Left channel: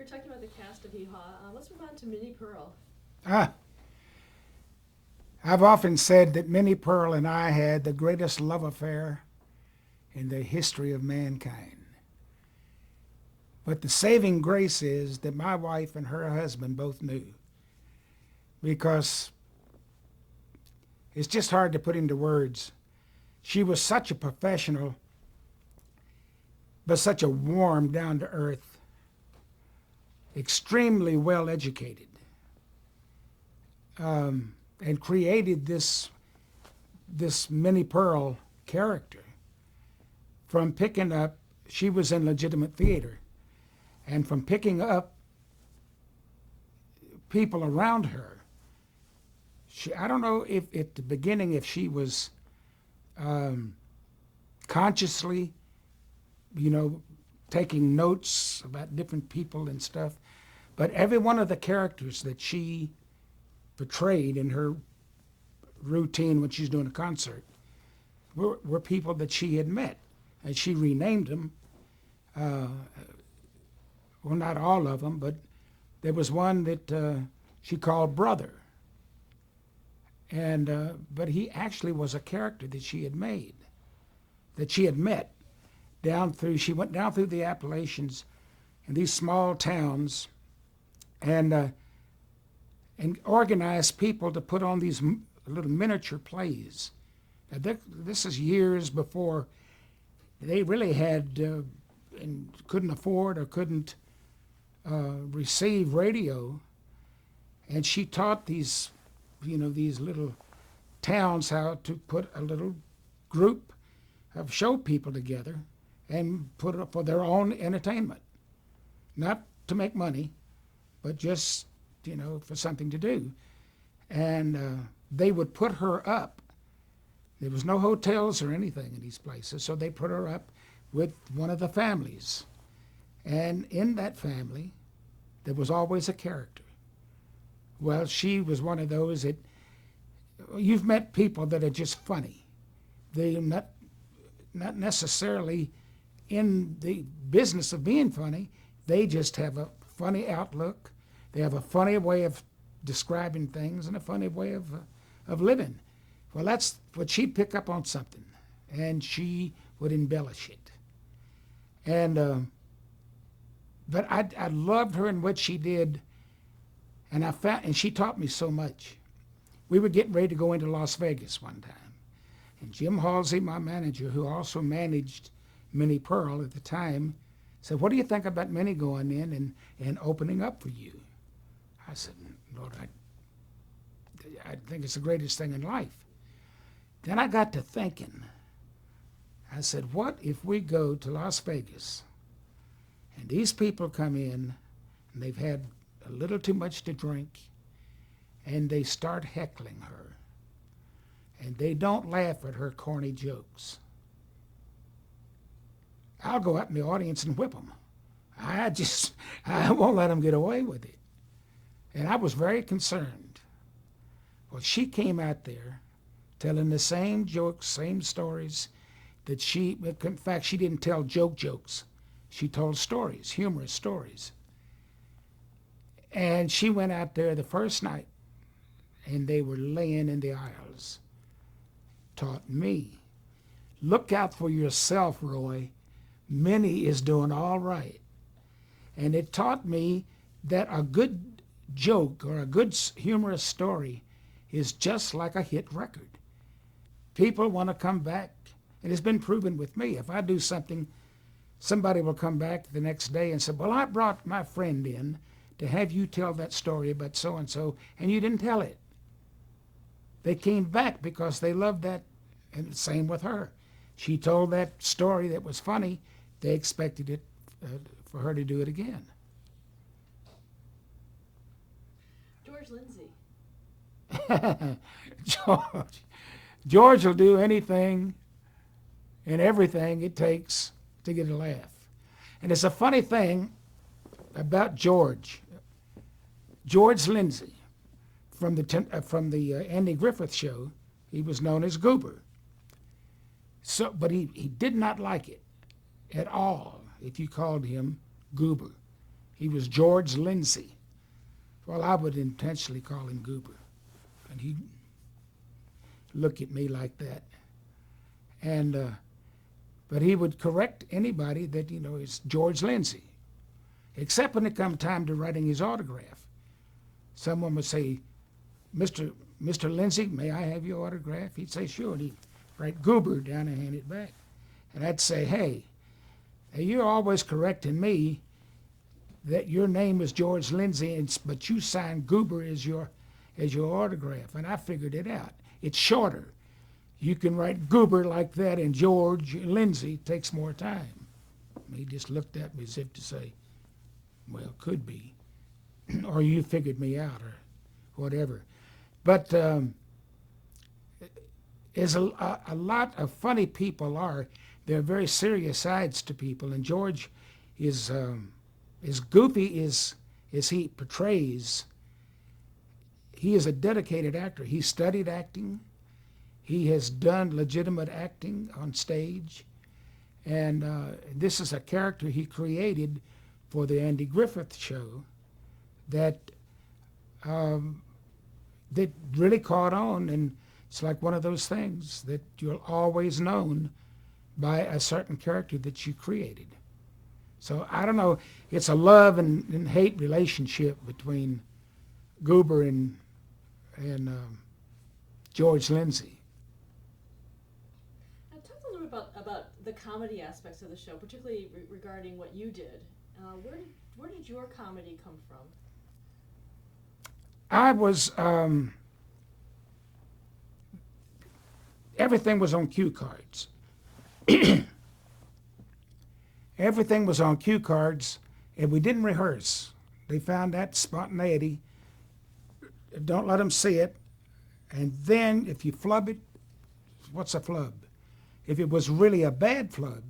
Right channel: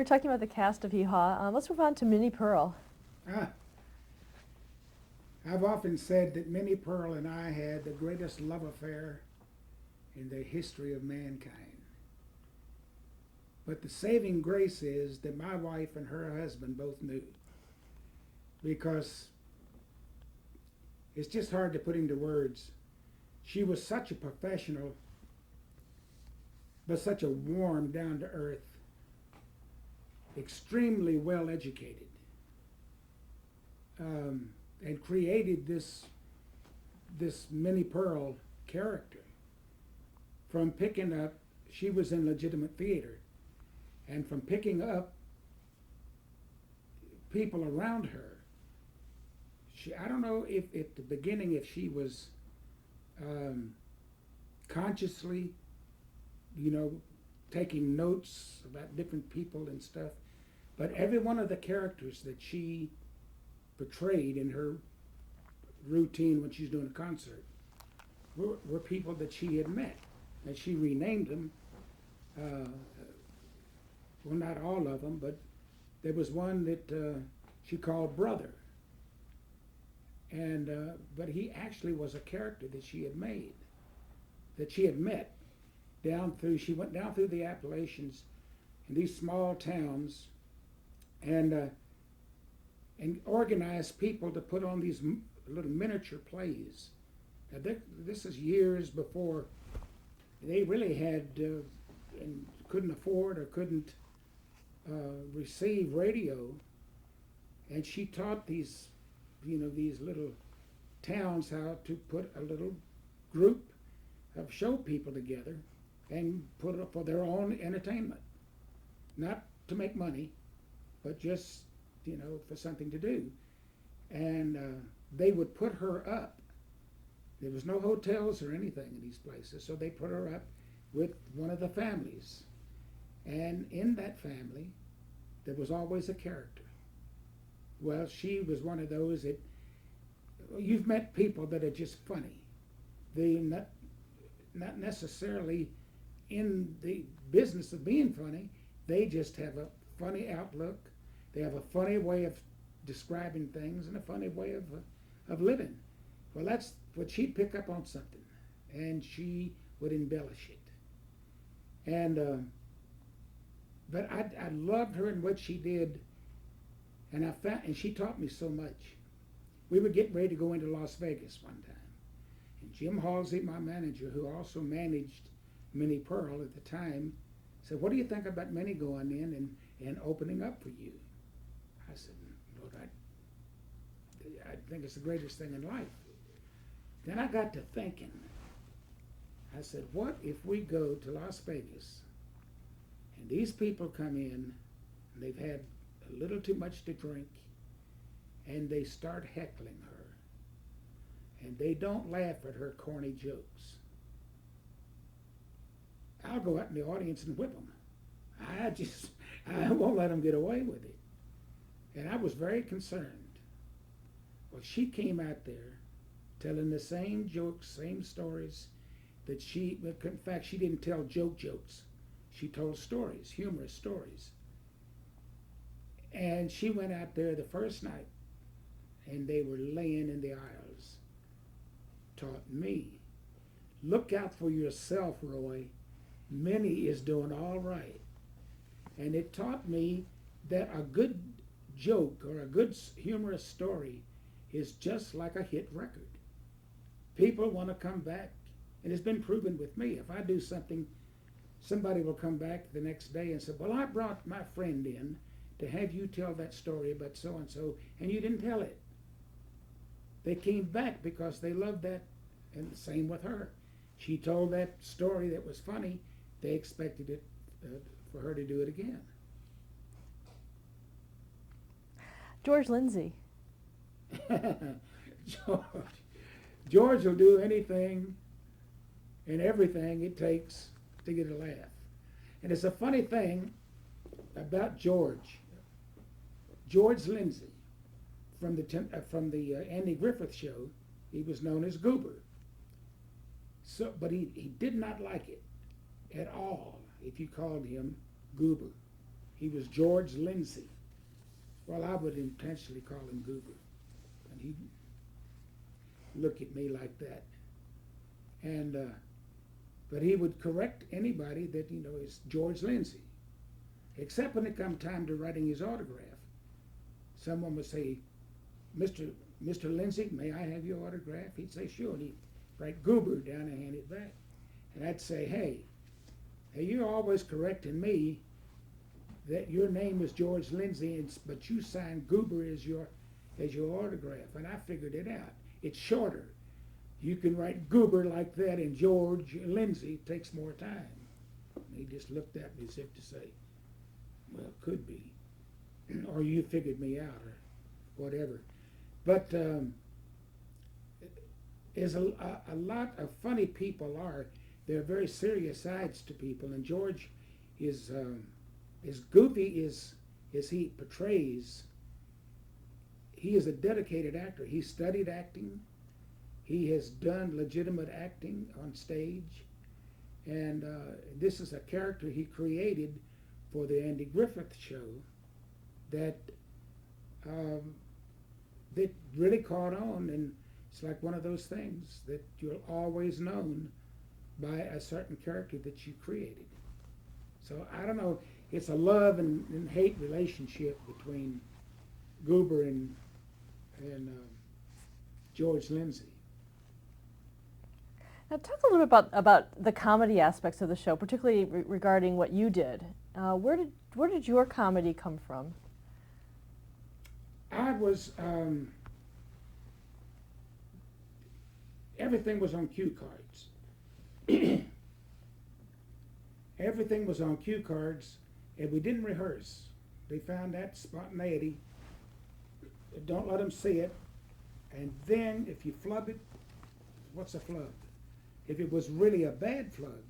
We're talking about the cast of Hee Haw. Let's move on to Minnie Pearl. Ah, I've often said that Minnie Pearl and I had the greatest love affair in the history of mankind. But the saving grace is that my wife and her husband both knew, because it's just hard to put into words. She was such a professional, but such a warm, down to earth, extremely well educated, and created this Minnie Pearl character from picking up. She was in legitimate theater, and from picking up people around her. I don't know if at the beginning if she was consciously, taking notes about different people and stuff, but every one of the characters that she portrayed in her routine when she's doing a concert were people that she had met, and she renamed them. Well, not all of them, but there was one that she called Brother, and but he actually was a character that she had made, that she had met down through. She went down through the Appalachians, in these small towns, and organized people to put on these little miniature plays. Now, this is years before they really had and couldn't afford or couldn't receive radio, and she taught these little towns how to put a little group of show people together and put it up for their own entertainment, not to make money, but just for something to do. And they would put her up. There was no hotels or anything in these places, so they put her up with one of the families. And in that family, there was always a character. Well, she was one of those that, you've met people that are just funny. They're not necessarily in the business of being funny. They just have a funny outlook. They have a funny way of describing things and a funny way of living. Well, that's what she'd pick up on something, and she would embellish it. And but I loved her and what she did, and and she taught me so much. We were getting ready to go into Las Vegas one time, and Jim Halsey, my manager, who also managed Minnie Pearl at the time, said, "What do you think about Minnie going in and opening up for you?" I said, "Lord, I think it's the greatest thing in life." Then I got to thinking. I said, what if we go to Las Vegas and these people come in and they've had a little too much to drink and they start heckling her and they don't laugh at her corny jokes? I'll go out in the audience and whip them. I won't let them get away with it. And I was very concerned. Well, she came out there telling the same jokes, same stories that in fact, she didn't tell jokes. She told stories, humorous stories. And she went out there the first night, and they were laying in the aisles. Taught me, look out for yourself, Roy. Minnie is doing all right. And it taught me that a good joke or a good humorous story is just like a hit record. People want to come back. It has been proven with me. If I do something, somebody will come back the next day and say, well, I brought my friend in to have you tell that story about so-and-so, and you didn't tell it. They came back because they loved that, and the same with her. She told that story that was funny. They expected it for her to do it again. George Lindsay. George will do anything and everything it takes to get a laugh. And it's a funny thing about George Lindsay, from the Andy Griffith Show. He was known as Goober. So, but he did not like it at all if you called him Goober. He was George Lindsay. Well, I would intentionally call him Goober. And he'd look at me like that. And, but he would correct anybody that, is George Lindsay. Except when it come time to writing his autograph. Someone would say, Mr. Lindsay, may I have your autograph? He'd say, sure. And he'd write Goober down and hand it back. And I'd say, hey, you're always correcting me that your name is George Lindsay, but you signed Goober as your autograph. And I figured it out. It's shorter. You can write Goober like that, and George Lindsay takes more time. And he just looked at me as if to say, well, could be. Or you figured me out, or whatever. But as a lot of funny people are, there are very serious sides to people, and George is as goofy as he portrays. He is a dedicated actor. He studied acting. He has done legitimate acting on stage, and this is a character he created for the Andy Griffith Show that that really caught on, and it's like one of those things that you're always known by a certain character that you created. So I don't know, it's a love and hate relationship between Goober and George Lindsay. Now talk a little bit about the comedy aspects of the show, particularly regarding what you did. Where did your comedy come from? I was, everything was on cue cards. Everything was on cue cards, and we didn't rehearse. They found that spontaneity. Don't let them see it. And then if you flub it, what's a flub? If it was really a bad flub,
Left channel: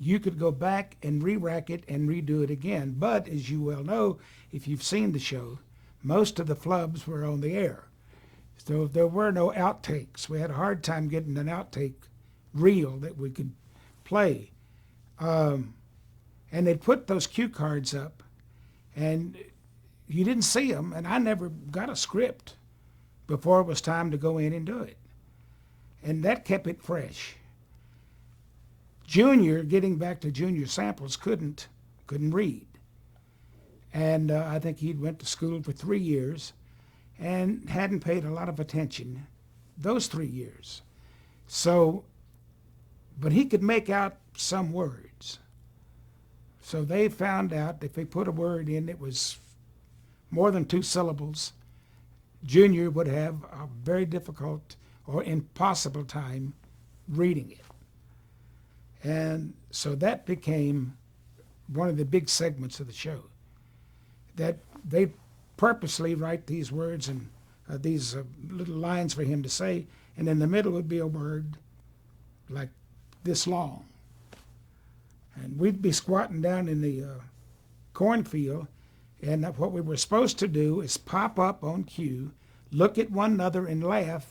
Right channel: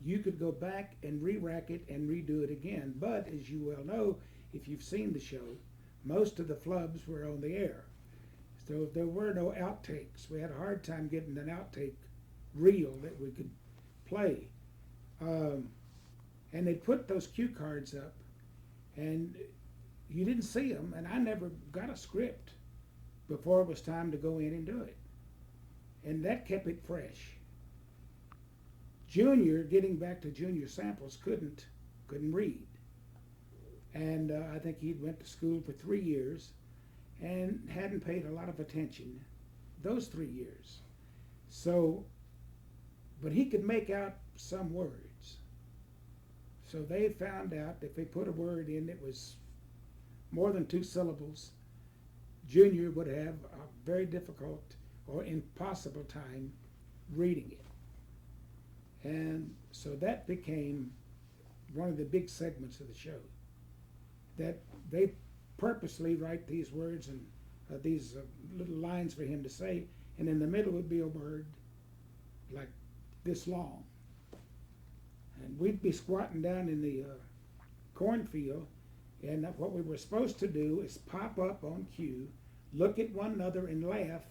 you could go back and re-rack it and redo it again. But as you well know, if you've seen the show, most of the flubs were on the air. So there were no outtakes. We had a hard time getting an outtake reel that we could play. And they'd put those cue cards up, and you didn't see them, and I never got a script before it was time to go in and do it. And that kept it fresh. Junior, getting back to Junior Samples, couldn't read. And I think he went to school for 3 years and hadn't paid a lot of attention those 3 years. So, but he could make out some words. So they found out if they put a word in that was more than 2 syllables, Junior would have a very difficult or impossible time reading it. And so that became one of the big segments of the show, that they purposely write these words and these little lines for him to say, and in the middle would be a word like this long. And we'd be squatting down in the cornfield, and what we were supposed to do is pop up on cue, look at one another and laugh,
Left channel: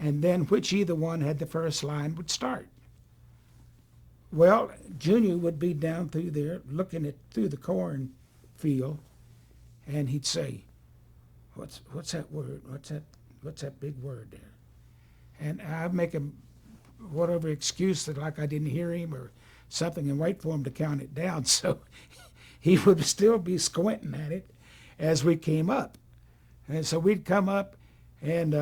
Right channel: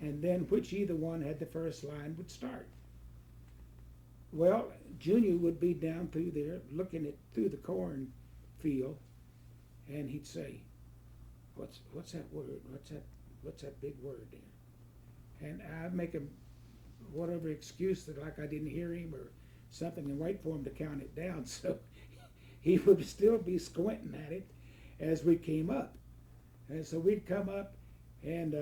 and then which either one had the first line would start. Well, Junior would be down through there looking through the cornfield, and he'd say, what's that word? What's that big word there? And I'd make him whatever excuse that like I didn't hear him or something and wait for him to count it down. So he would still be squinting at it as we came up. And so we'd come up and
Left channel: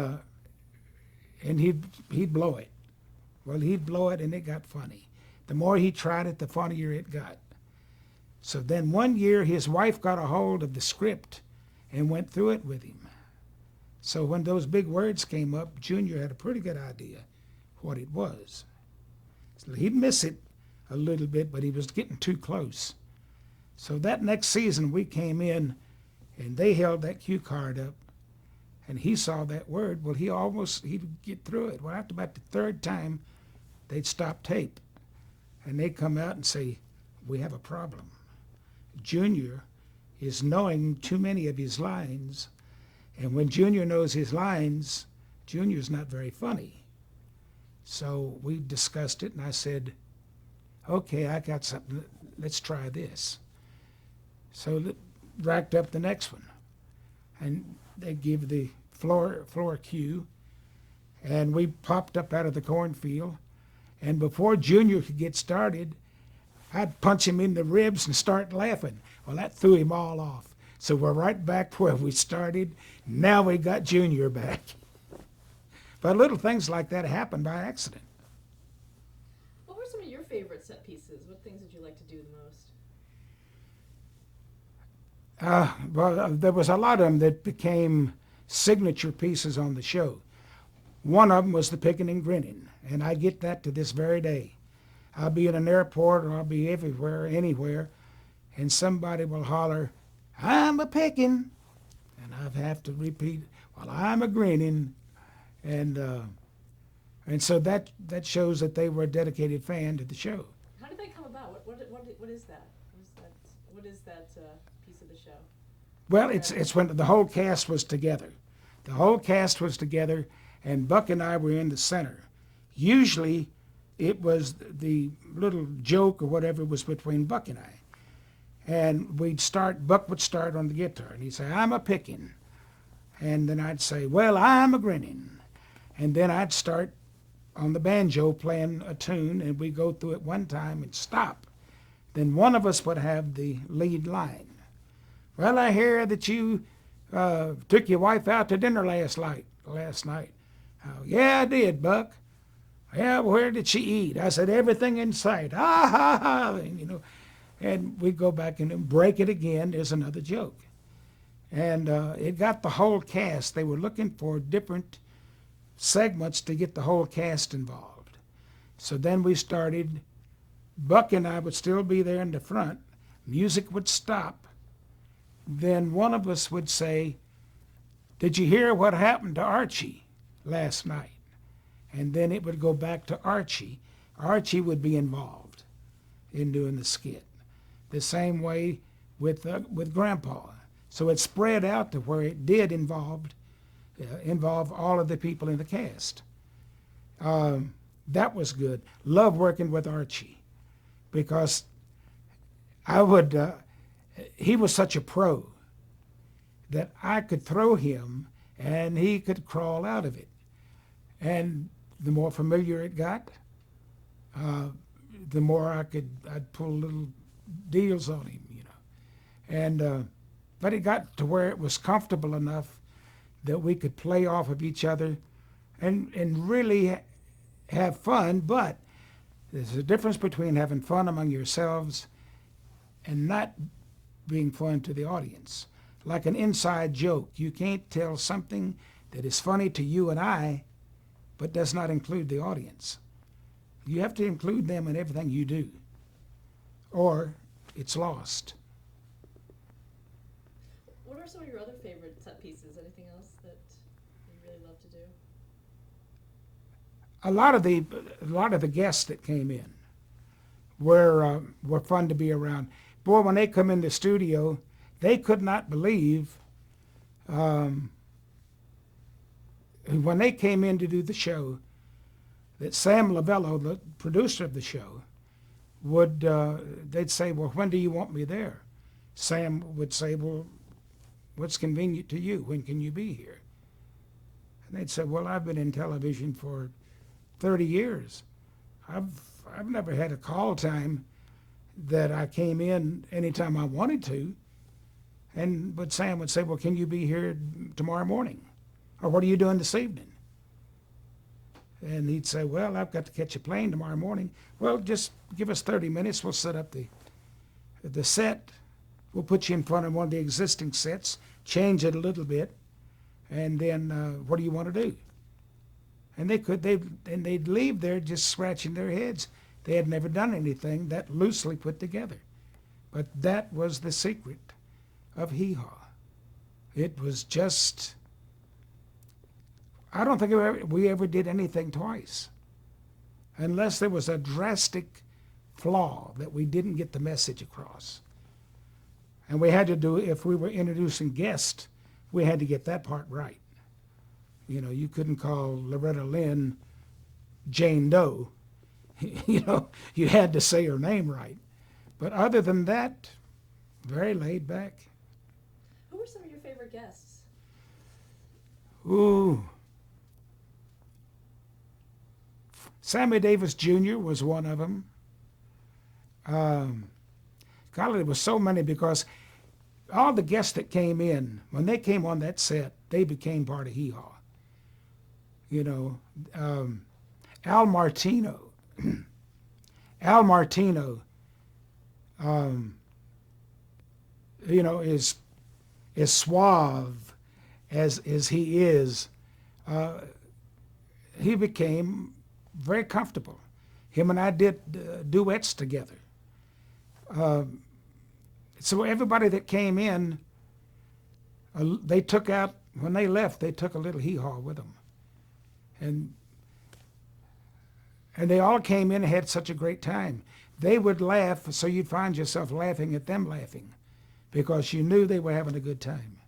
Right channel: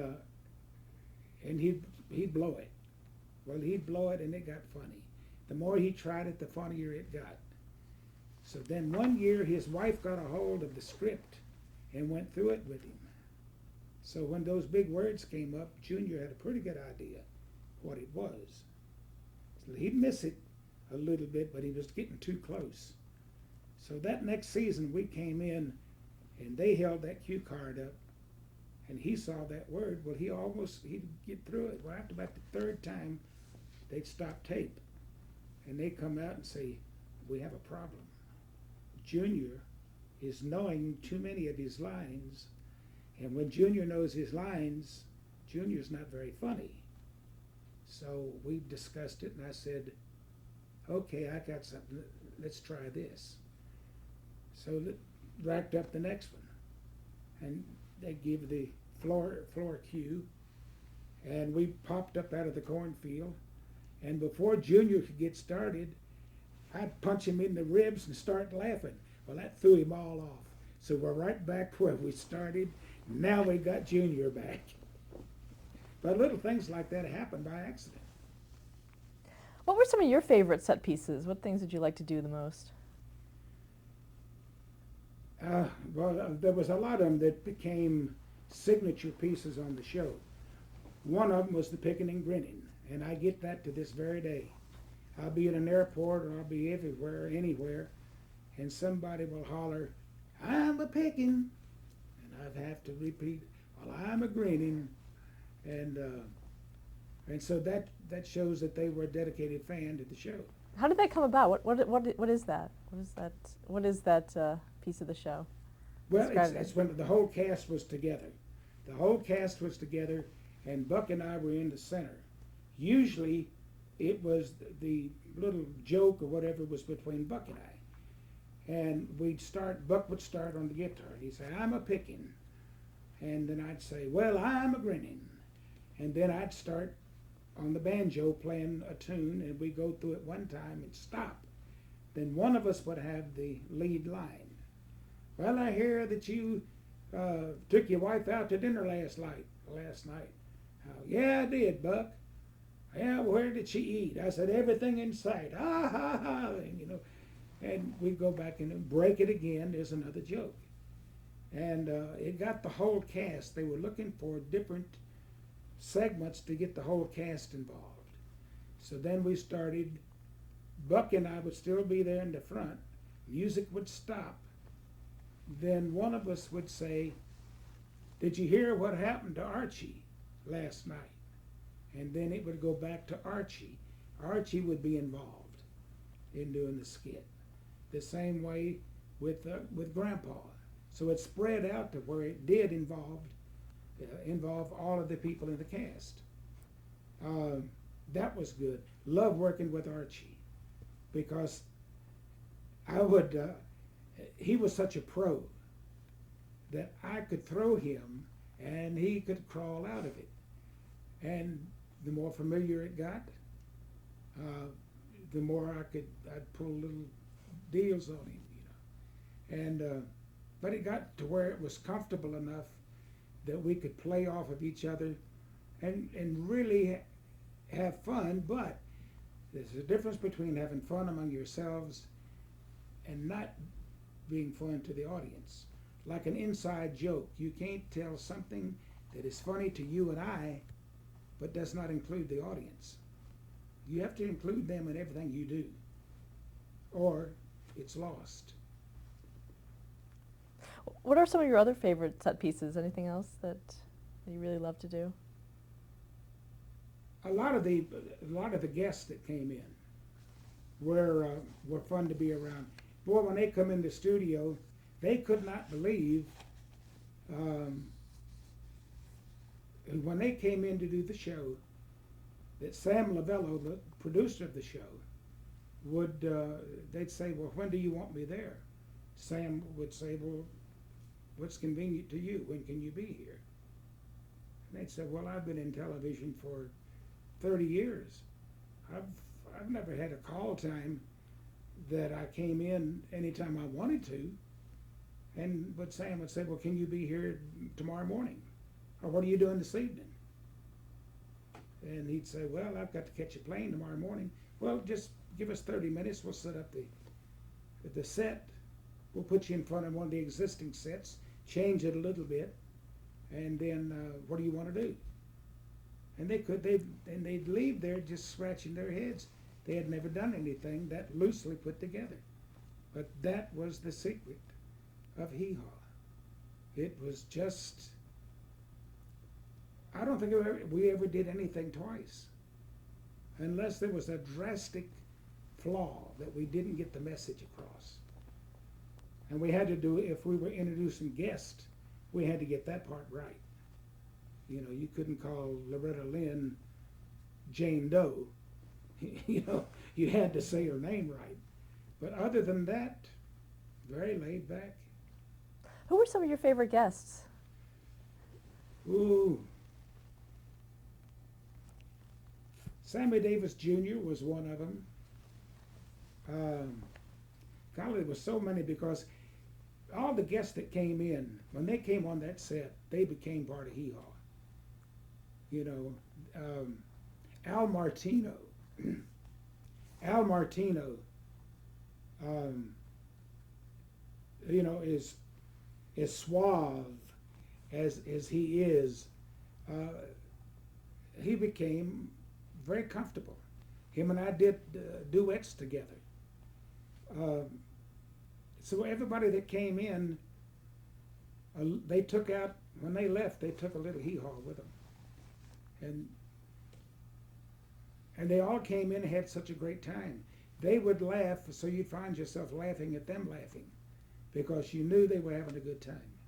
he'd blow it. Well, he'd blow it and it got funny. The more he tried it, the funnier it got. So then one year his wife got a hold of the script and went through it with him. So when those big words came up, Junior had a pretty good idea what it was. So he'd miss it a little bit, but he was getting too close. So that next season we came in and they held that cue card up and he saw that word. Well, he'd get through it. Well, after about the third time, they'd stop tape and they'd come out and say, we have a problem. Junior is knowing too many of his lines, and when Junior knows his lines, Junior's not very funny. So we discussed it, and I said, okay, I got something, let's try this. So that racked up the next one. And they give the floor cue, and we popped up out of the cornfield. And before Junior could get started, I'd punch him in the ribs and start laughing. Well, that threw him all off. So we're right back where we started. Now we got Junior back. But little things like that happen by accident. What were some of your favorite set pieces? What things did you like to do the most? There was a lot of them that became signature pieces on the show. One of them was the picking and grinning, and I get that to this very day. I'll be in an airport or I'll be everywhere, anywhere, and somebody will holler, "I'm a picking," and I have to repeat, "Well, I'm a grinning," and so that shows that they were a dedicated fan to the show. How did that come about? What is that? What is that piece of the show? Well, Describe it. it's when the whole cast was together. The whole cast was together, and Buck and I were in the center. Usually, it was the little joke or whatever was between Buck and I. And Buck would start on the guitar, and he'd say, "I'm a picking." And then I'd say, "Well, I'm a grinning." And then I'd start on the banjo playing a tune, and we'd go through it one time and stop. Then one of us would have the lead line. "Well, I hear that you took your wife out to dinner last night. "Oh, yeah, I did, Buck." "Yeah, where did she eat?" I said, "Everything in sight." "Ha, ha, ha," and, and we'd go back and break it again. There's another joke. And it got the whole cast. They were looking for different segments to get the whole cast involved. So then we started. Buck and I would still be there in the front. Music would stop. Then one of us would say, "Did you hear what happened to Archie last night?" And then it would go back to Archie. Archie would be involved in doing the skit. The same way with Grandpa. So it spread out to where it did involve all of the people in the cast. That was good. Love working with Archie, because he was such a pro that I could throw him and he could crawl out of it. And the more familiar it got, the more I'd pull little deals on him, And but it got to where it was comfortable enough that we could play off of each other and really have fun. But there's a difference between having fun among yourselves and not being fun to the audience. Like an inside joke. You can't tell something that is funny to you and I, but does not include the audience. You have to include them in everything you do, or it's lost. What are some of your other favorite set pieces? Anything else that you really love to do? A lot of the guests that came in were fun to be around. Boy, when they come in the studio, they could not believe when they came in to do the show that Sam Lavello, the producer of the show, they'd say, "Well, when do you want me there?" Sam would say, "Well, what's convenient to you? When can you be here?" And they'd say, "Well, I've been in television for 30 years. I've never had a call time that I came in anytime I wanted to." But Sam would say, "Well, can you be here tomorrow morning? Or what are you doing this evening?" And he'd say, "Well, I've got to catch a plane tomorrow morning." "Well, just give us 30 minutes. We'll set up the set. We'll put you in front of one of the existing sets, change it a little bit, and then what do you want to do?" And they'd leave there just scratching their heads. They had never done anything that loosely put together. But that was the secret of Hee Haw. It was just, I don't think we ever did anything twice, unless there was a drastic flaw that we didn't get the message across. And we had to do, if we were introducing guests, we had to get that part right. You couldn't call Loretta Lynn Jane Doe. You had to say her name right. But other than that, very laid back. Who were some of your favorite guests? Ooh. Sammy Davis Jr. was one of them. God, there was so many because all the guests that came in, when they came on that set, they became part of Hee Haw. You know, Al Martino. Al Martino, you know, is suave as he is. He became very comfortable. Him and I did duets together. So everybody that came in, they took out, when they left, they took a little hee-haw with them. And they all came in and had such a great time. They would laugh, so you'd find yourself laughing at them laughing because you knew they were having a good time.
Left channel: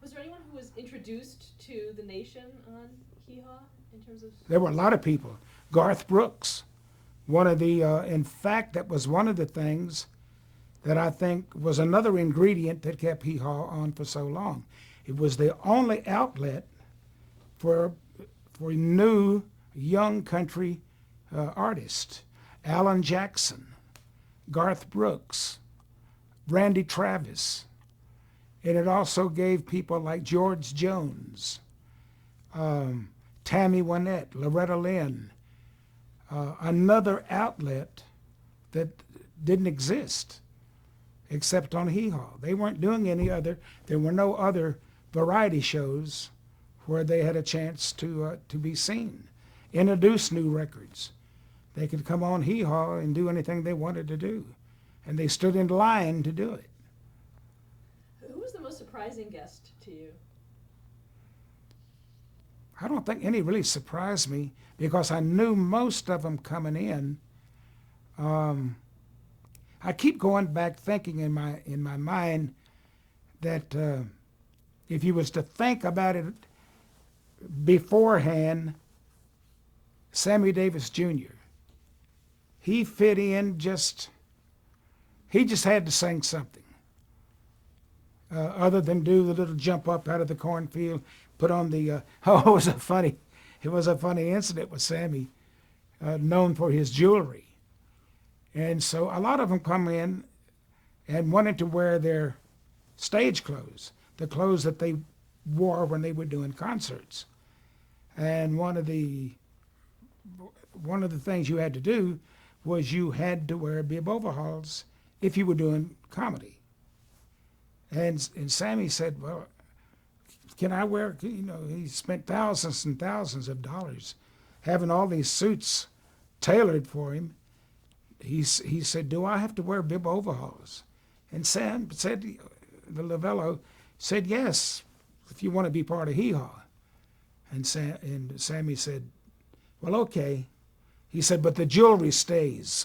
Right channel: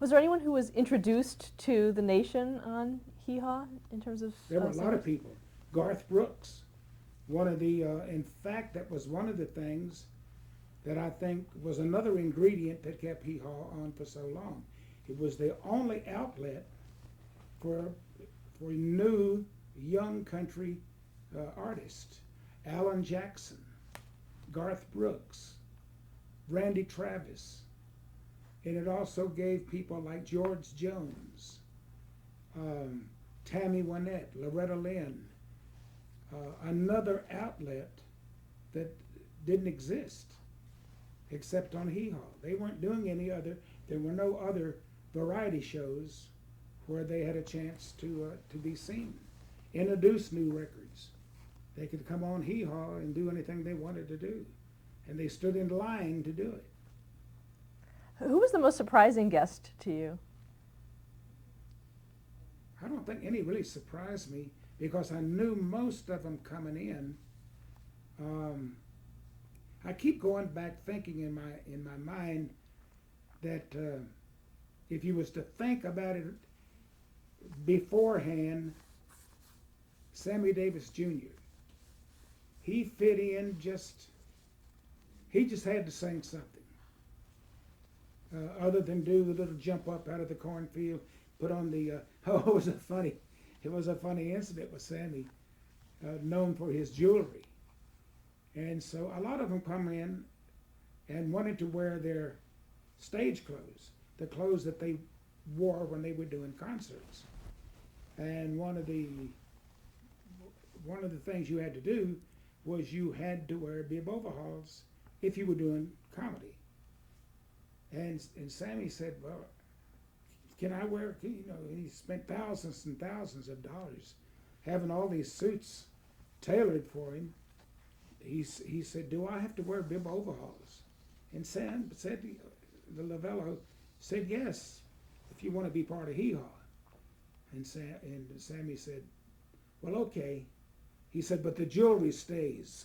Was there anyone who was introduced to the nation on Hee Haw in terms of? There were a lot of people. Garth Brooks, one of the, in fact, that was one of the things that I think was another ingredient that kept Hee Haw on for so long. It was the only outlet for new young country artists. Alan Jackson, Garth Brooks, Randy Travis. And it also gave people like George Jones, Tammy Wynette, Loretta Lynn, another outlet that didn't exist except on Hee Haw. They weren't doing any other, there were no other variety shows where they had a chance to be seen, introduce new records. They could come on Hee Haw and do anything they wanted to do. And they stood in line to do it. Who was the most surprising guest to you? I don't think any really surprised me because I knew most of them coming in. I keep going back thinking in my mind that if you was to think about it beforehand, Sammy Davis Jr., he fit in he just had to sing something. Other than do the little jump up out of the cornfield, put on the, it was a funny incident with Sammy, known for his jewelry. And so a lot of them come in and wanted to wear their stage clothes, the clothes that they wore when they were doing concerts. And one of the things you had to do was you had to wear bib overalls if you were doing comedy. And Sammy said, well, can I wear, he spent thousands and thousands of dollars having all these suits tailored for him. He said, do I have to wear bib overalls? And Sam said, the Lavello said, yes, if you want to be part of Hee Haw. And Sammy said, well, okay. He said, but the jewelry stays.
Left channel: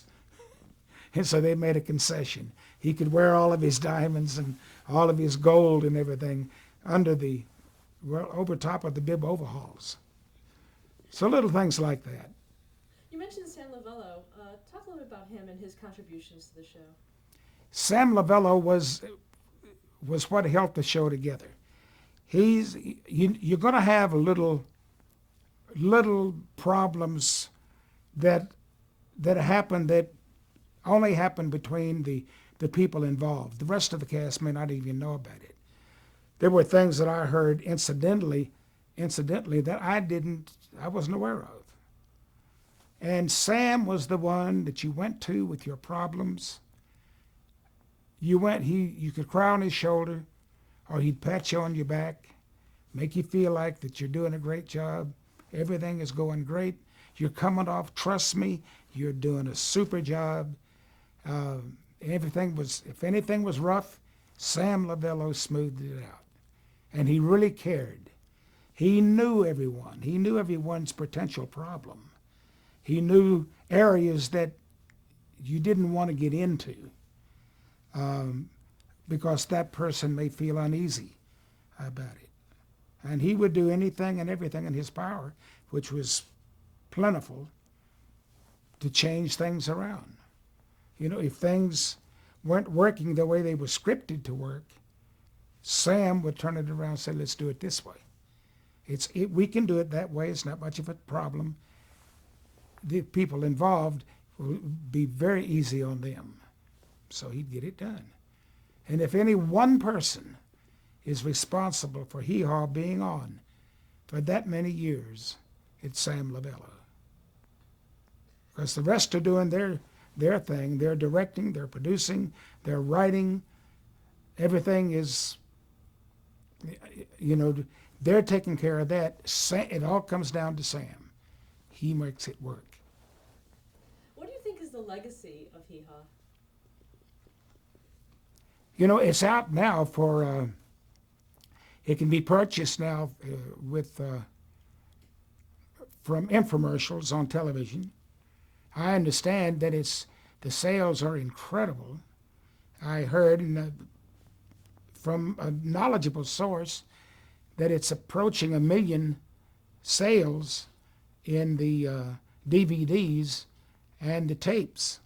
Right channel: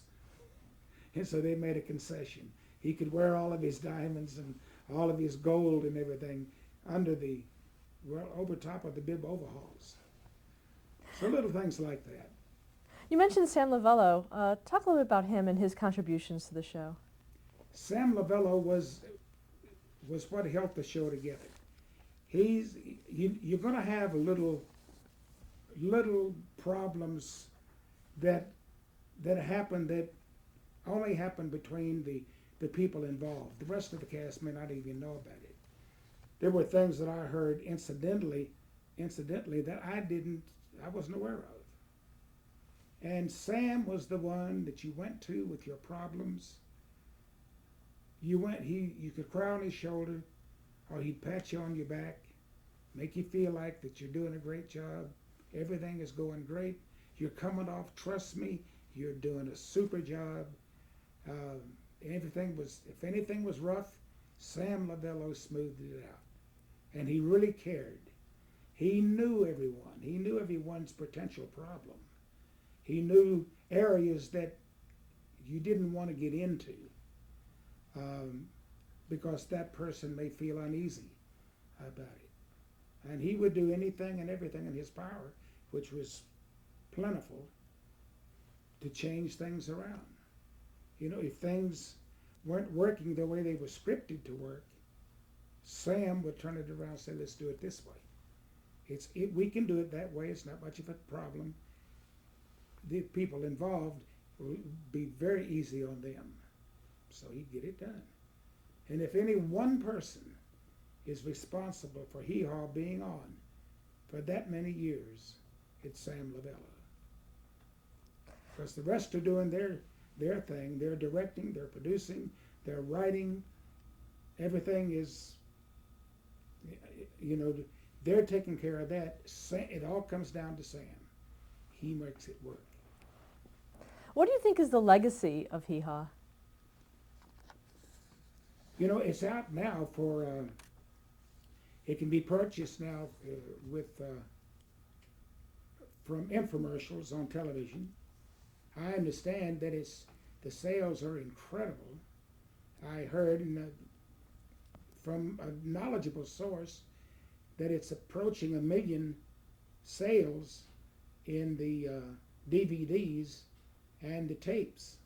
And so they made a concession. He could wear all of his diamonds and all of his gold and everything over top of the bib overalls. So little things like that. You mentioned Sam Lavello. Talk a little bit about him and his contributions to the show. Sam Lavello was what held the show together. You're going to have little problems that happen that only happen between the people involved. The rest of the cast may not even know about it. There were things that I heard incidentally that I wasn't aware of. And Sam was the one that you went to with your problems. You could cry on his shoulder, or he'd pat you on your back, make you feel like that you're doing a great job. Everything is going great. You're coming off, trust me, you're doing a super job. If anything was rough, Sam Lavello smoothed it out. And he really cared. He knew everyone. He knew everyone's potential problem. He knew areas that you didn't want to get into because that person may feel uneasy about it. And he would do anything and everything in his power, which was plentiful, to change things around. If things weren't working the way they were scripted to work, Sam would turn it around and say, let's do it this way. We can do it that way. It's not much of a problem. The people involved will be very easy on them. So he'd get it done. And if any one person is responsible for Hee Haw being on for that many years, it's Sam Lavella. Because the rest are doing their thing. They're directing, they're producing, they're writing. Everything is, they're taking care of that. It all comes down to Sam. He makes it work. What do you think is the legacy of Hee Haw? It's out now for, it can be purchased now from infomercials on television. I understand that the sales are incredible. I heard from a knowledgeable source that it's approaching 1 million sales in the DVDs and the tapes.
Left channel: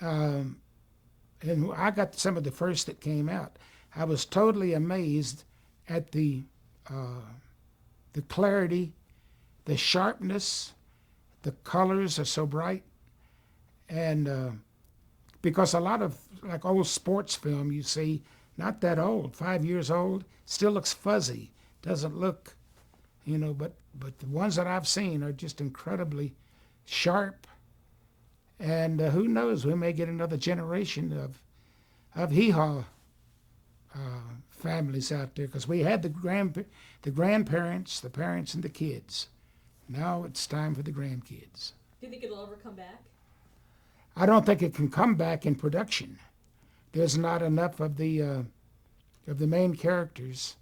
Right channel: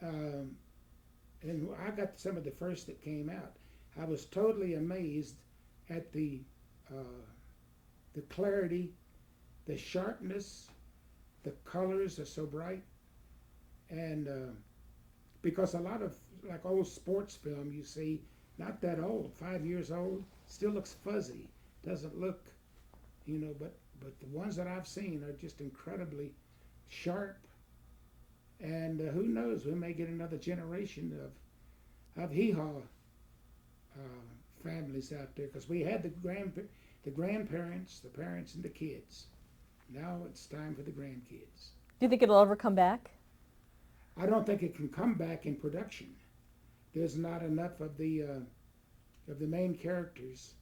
And I got some of the first that came out. I was totally amazed at the clarity, the sharpness. The colors are so bright, and because a lot of like old sports film you see, not that old, 5 years old, still looks fuzzy, doesn't look, but the ones that I've seen are just incredibly sharp, and who knows, we may get another generation of Hee Haw families out there, because we had the grandparents, the parents, and the kids. Now it's time for the grandkids. Do you think it'll ever come back? I don't think it can come back in production. There's not enough of the main characters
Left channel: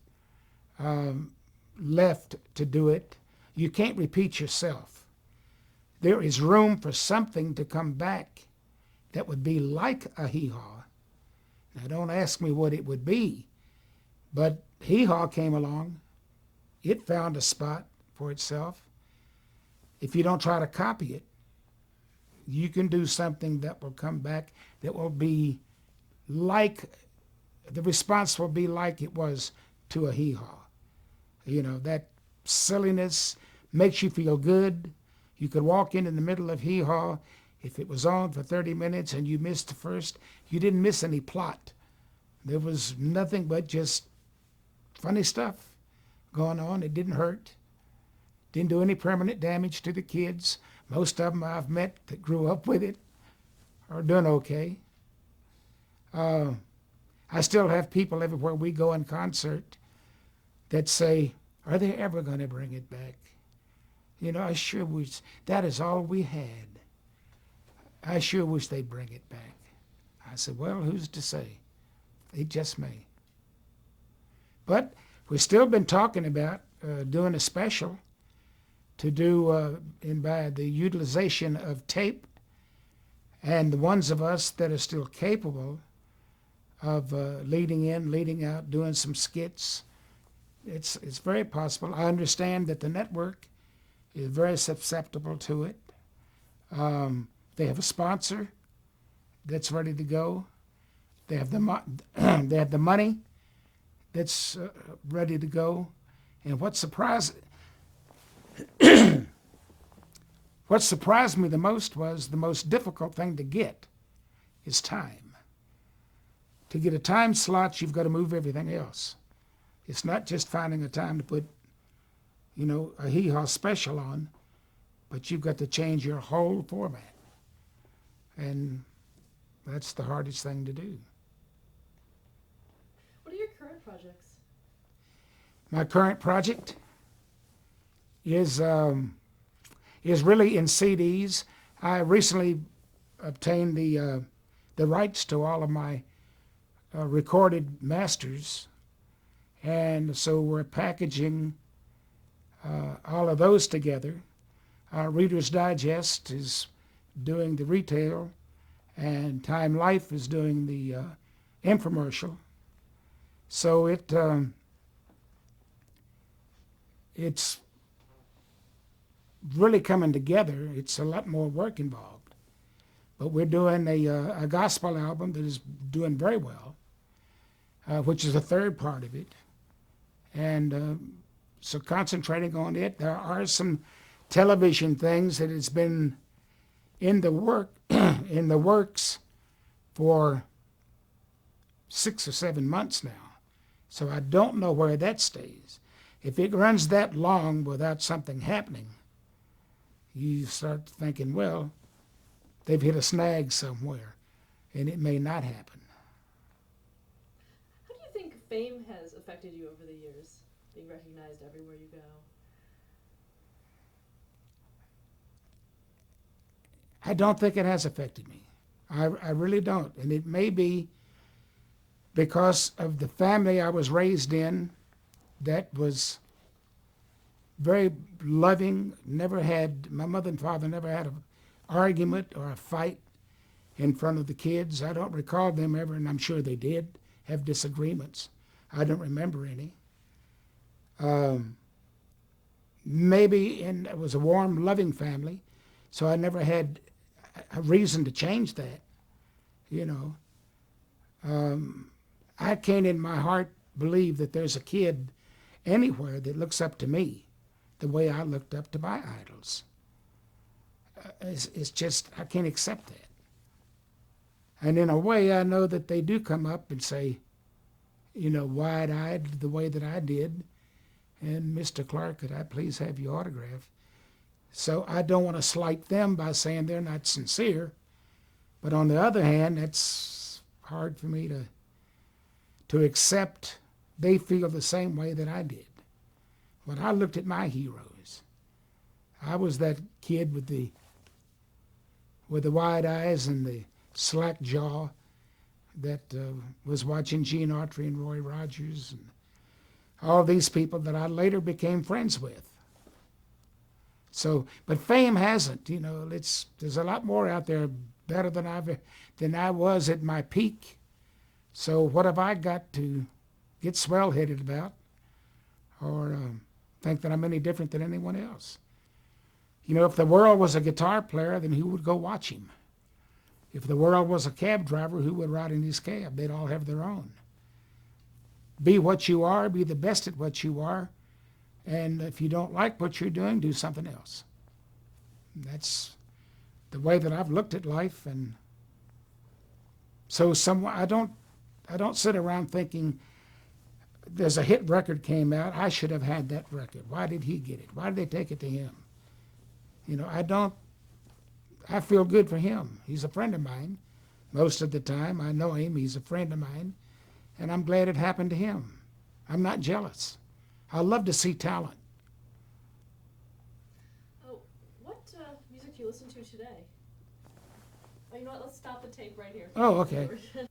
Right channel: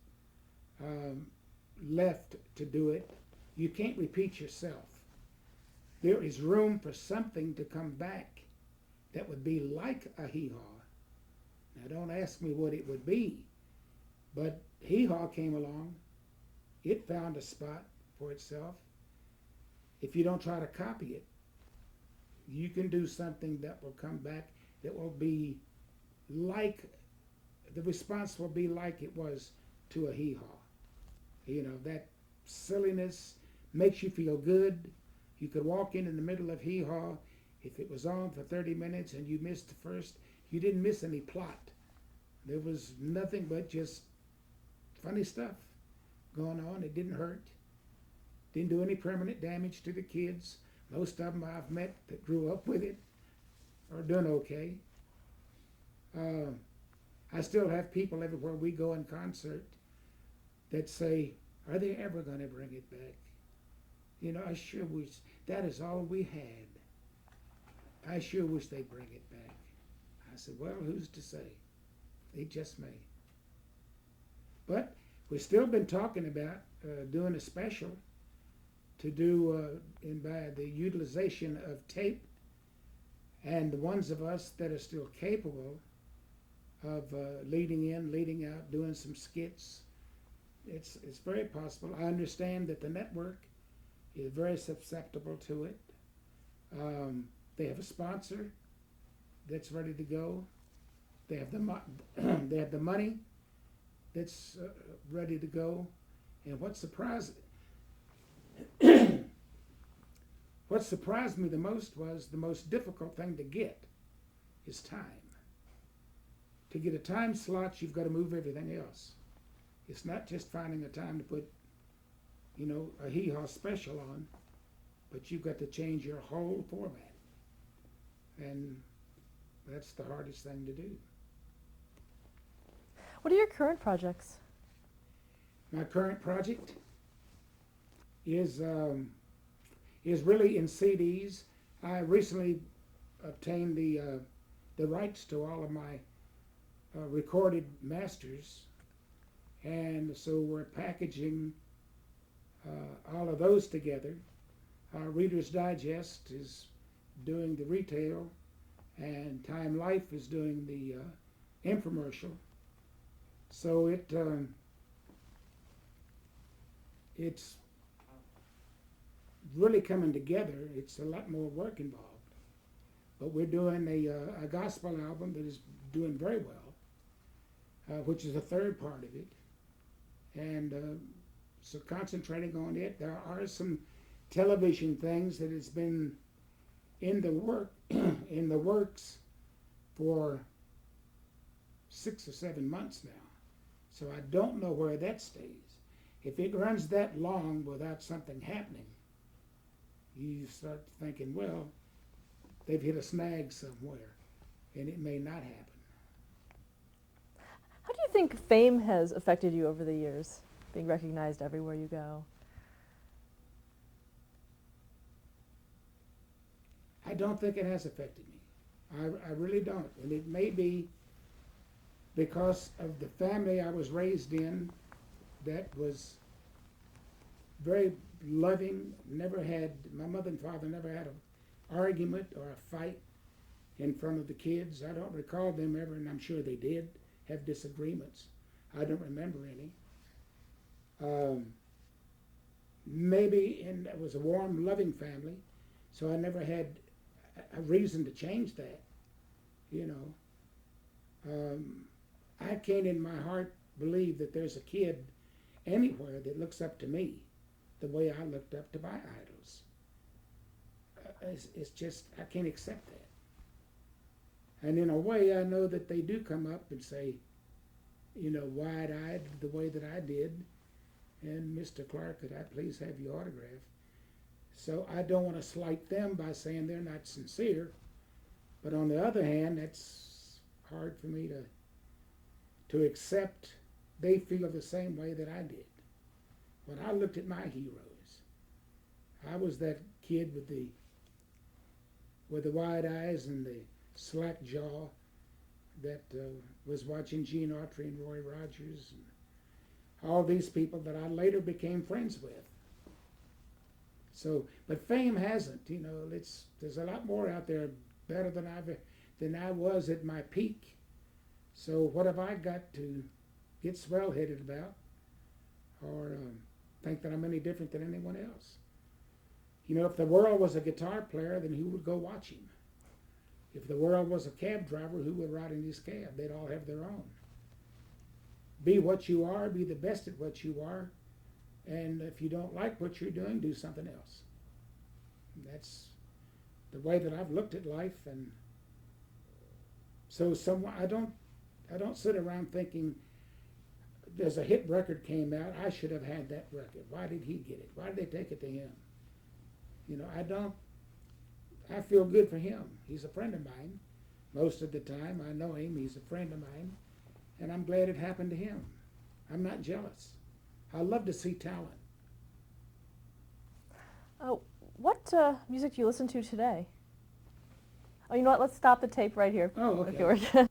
left to do it. You can't repeat yourself. There is room for something to come back that would be like a Hee Haw. Now don't ask me what it would be, but Hee Haw came along. It found a spot for itself. If you don't try to copy it, you can do something that will come back that will be like, the response will be like it was to a Hee Haw. That silliness makes you feel good. You could walk in the middle of Hee Haw. If it was on for 30 minutes and you missed the first, you didn't miss any plot. There was nothing but just funny stuff going on. It didn't hurt. Didn't do any permanent damage to the kids. Most of them I've met that grew up with it are doing okay. I still have people everywhere we go in concert that say, are they ever going to bring it back? I sure wish, that is all we had. I sure wish they'd bring it back. I said, well, who's to say? They just may. But we've still been talking about doing a special to do by the utilization of tape, and the ones of us that are still capable of leading in, leading out, doing some skits. It's very possible. I understand that the network is very susceptible to it. They have a sponsor that's ready to go. They have they have the money that's ready to go. And what surprised me the most was the most difficult thing to get is time. To get a time slot, you've got to move everything else. It's not just finding a time to put, a Hee Haw special on, but you've got to change your whole format. And that's the hardest thing to do. What are your current projects? My current project is really in CDs. I recently obtained the rights to all of my recorded masters, and so we're packaging all of those together. Reader's Digest is doing the retail, and Time Life is doing the infomercial. So it's really coming together. It's a lot more work involved. but we're doing a gospel album that is doing very well, which is the third part of it. And so concentrating on it. There are some television things that has been in the in the works for 6 or 7 months now. So I don't know where that stays. If it runs that long without something happening, you start thinking, well, they've hit a snag somewhere, and it may not happen. How do you think fame has affected you over the years, being recognized everywhere you go? I don't think it has affected me. I really don't. And it may be because of the family I was raised in that was very loving, my mother and father never had an argument or a fight in front of the kids. I don't recall them ever, and I'm sure they did, have disagreements. I don't remember any. It was a warm, loving family, so I never had a reason to change that, you know. I can't in my heart believe that there's a kid anywhere that looks up to me the way I looked up to my idols. It's just, I can't accept that. And in a way, I know that they do come up and say, you know, wide-eyed the way that I did, and Mr. Clark, could I please have your autograph? So I don't want to slight them by saying they're not sincere, but on the other hand, it's hard for me to accept they feel the same way that I did. When I looked at my heroes, I was that kid with the wide eyes and the slack jaw that was watching Gene Autry and Roy Rogers and all these people that I later became friends with. So, but fame hasn't, you know, there's a lot more out there better than I was at my peak. So what have I got to get swell-headed about or think that I'm any different than anyone else? You know, if the world was a guitar player, then who would go watch him? If the world was a cab driver, who would ride in his cab? They'd all have their own. Be what you are, be the best at what you are, and if you don't like what you're doing, do something else. That's the way that I've looked at life, and so I don't sit around thinking there's a hit record came out, I should have had that record. Why did he get it? Why did they take it to him? You know, I feel good for him. He's a friend of mine. Most of the time I know him, he's a friend of mine, and I'm glad it happened to him. I'm not jealous. I love to see talent. What music do you listen to today? Oh, you know what? Let's stop the tape right here. Oh, okay. George.